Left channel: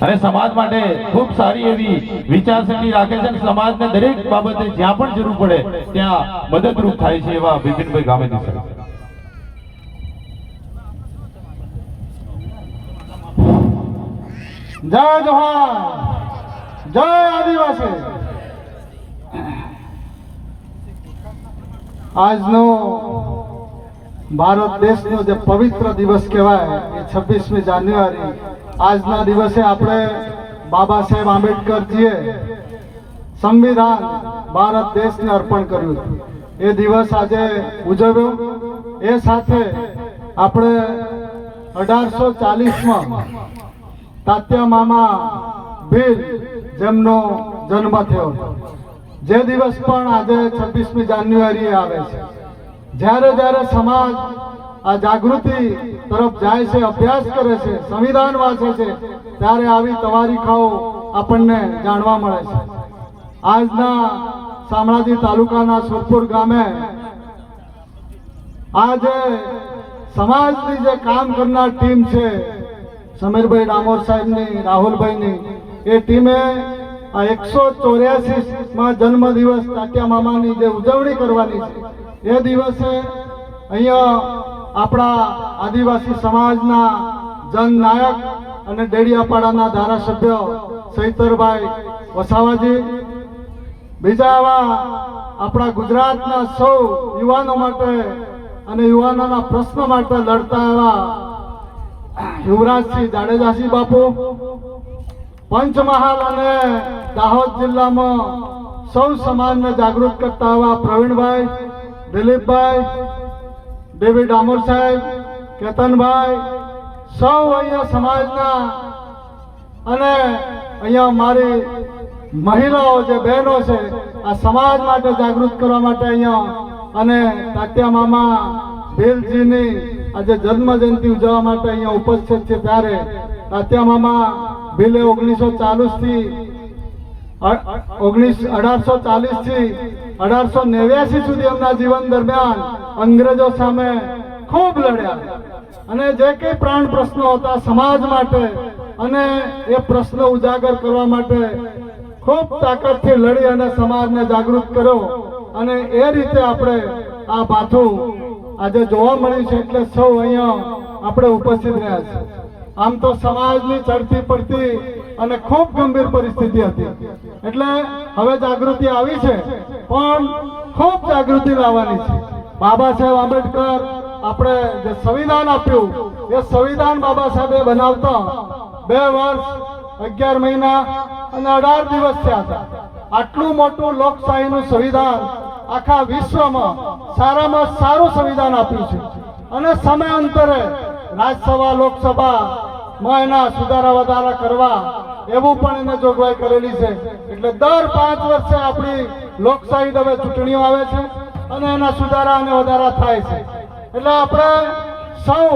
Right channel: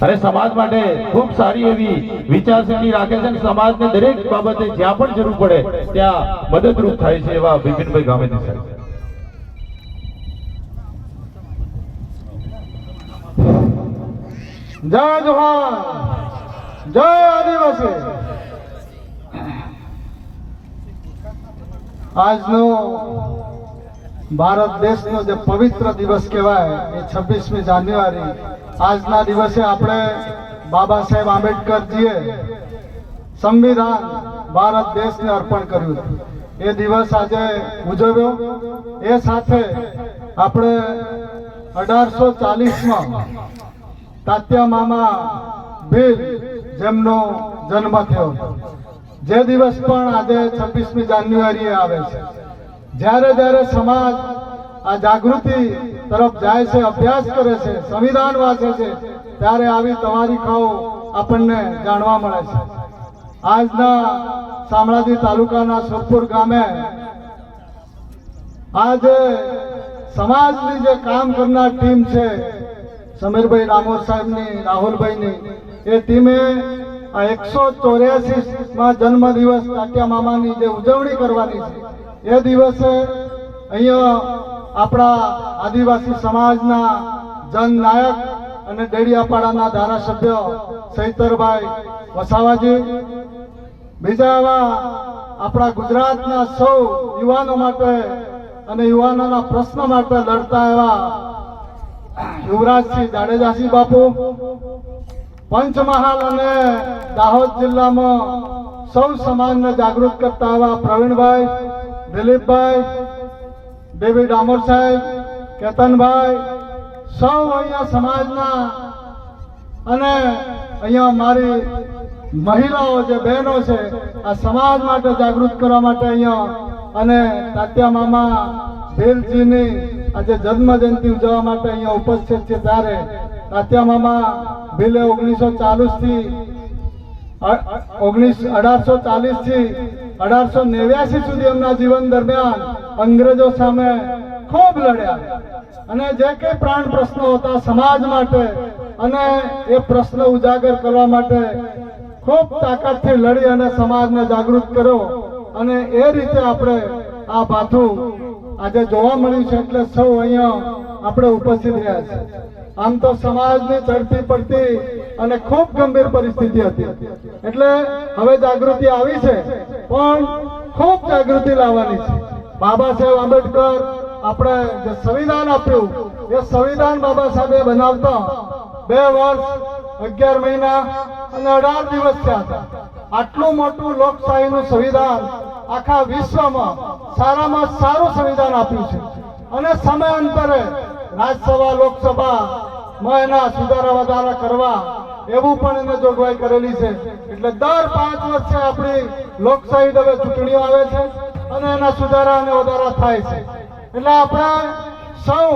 અને સમાજ માટે ખૂબ સારી એવી વિચારસરણી રાખે છે અને સમાજને દરેક બાબતે જ્યાં પણ જરૂર પડે ત્યાં મદદરૂપ થાય છે એવા બિપિનભાઈ ગામેતી સાહેબ। જય જોહાર, જય આદિવાસી। આજનો ભારત દેશનો જે પવિત્ર દિવસ કહેવાય એ 26મી જાન્યુઆરી। આજના દિવસે આપણે બાબા સાહેબ આંબેડકરજીએ સંવિધાન ભારત દેશને અર્પણ કર્યું હતું। એ દિવસ આજે ઉજવ્યો। એ સાથે આપણે 1840માં તાત્યા મામા ભીલ જેમનો જન્મ થયો જે દિવસ પણ આજે 26મી જાન્યુઆરીએ આવે છે। જ્યારે જ્યારે સમાજ આ જાગૃતિ તરફ જાય છે, અભ્યાસ કરે છે, સંવિધાન વાંચે છે, ત્યારે આવી તવારીખાઓ આપણને જાણવા મળે છે। આજના શામળાજી તાલુકાના સુરપુર ગામે આજે સમાજની જે કામ કરનાર ટીમ છે, સમીરભાઈ ડામોર સાહેબની, રાહુલભાઈની, એ ટીમે આ 184માં જન્મદિવસ તાત્યા મામાની જે ઉજવણી કરવાની છે એ દિવસે અહીંયા આપણા આદિવાસી સમાજના જનનાયક અને ડેડિયાપાડાના ધારાસભ્ય સૈતરભાઈ વસાવાજી, બીજા એવા આપણા ગુજરાતના સૌ યુવાનો માટે અને યુવાનોના પ્રશ્ન માટે લડતા એવા યુવરાજસિંહ જાડેજાસિંહ બાપુ, પંચમહાલ અને દાહોદ જિલ્લામાં સૌ સમાજને જાગૃત કરતા એવા પ્રવીણભાઈ, દિલીપભાઈ, દેવી ડામોર સાહેબ, કેતનભાઈ, સૌ અહીંયા સમાજના અને અહીંયા મારી મહિલાઓ જે બહેનો છે આ સમાજ માટે જાગૃત કરવા માટે અહીંયા અને તાત્યા મામા ભીલજીની આજે જન્મ જયંતિ ઉજવવા માટે અહીંયા ઉપસ્થિત છે। ત્યારે તાત્યા મામા ભીલે 1840 થી 1889 સુધી એમના જીવન દરમિયાન અંગ્રેજો સામે ખૂબ લડ્યા અને જે કંઈ પ્રાણ પ્રશ્નો હતા સમાજ માટે અને એ પ્રશ્ન ઉજાગર કરવા માટે ખૂબ તાકાતથી લડી અને સમાજને જાગૃત કર્યો અને એ રીતે આપણે આ પાછું આજે જોવા મળ્યું છે। એટલે સૌ અહીંયા આપણે ઉપસ્થિત રહ્યા છે। આમ તો સમાજની ચડતી પડતી અને ખૂબ ગંભીર પરિસ્થિતિ હતી, એટલે હવે જાગૃતિ આવી છે પણ ખૂબ જાગૃતિ લાવવાની છે। બાબા સાહેબ આંબેડકર આપણે જે સંવિધાન આપ્યું એ સંવિધાન બાબા સાહેબે બનાવતા 2 વર્ષ 11 મહિના અને 18 દિવસ થયા હતા। આટલું મોટું લોકશાહીનું સંવિધાન આખા વિશ્વમાં સારામાં સારું સંવિધાન આપ્યું છે અને સમયાંતરે રાજ્યસભા લોકસભામાં એના સુધારા વધારા કરવા એવું પણ એને જોગવાઈ કરેલી છે। એટલે દર 5 વર્ષે આપણી લોકશાહી હવે ચૂંટણીઓ આવે છે અને એના સુધારા અને વધારા થાય છે। એટલે આપણે સૌ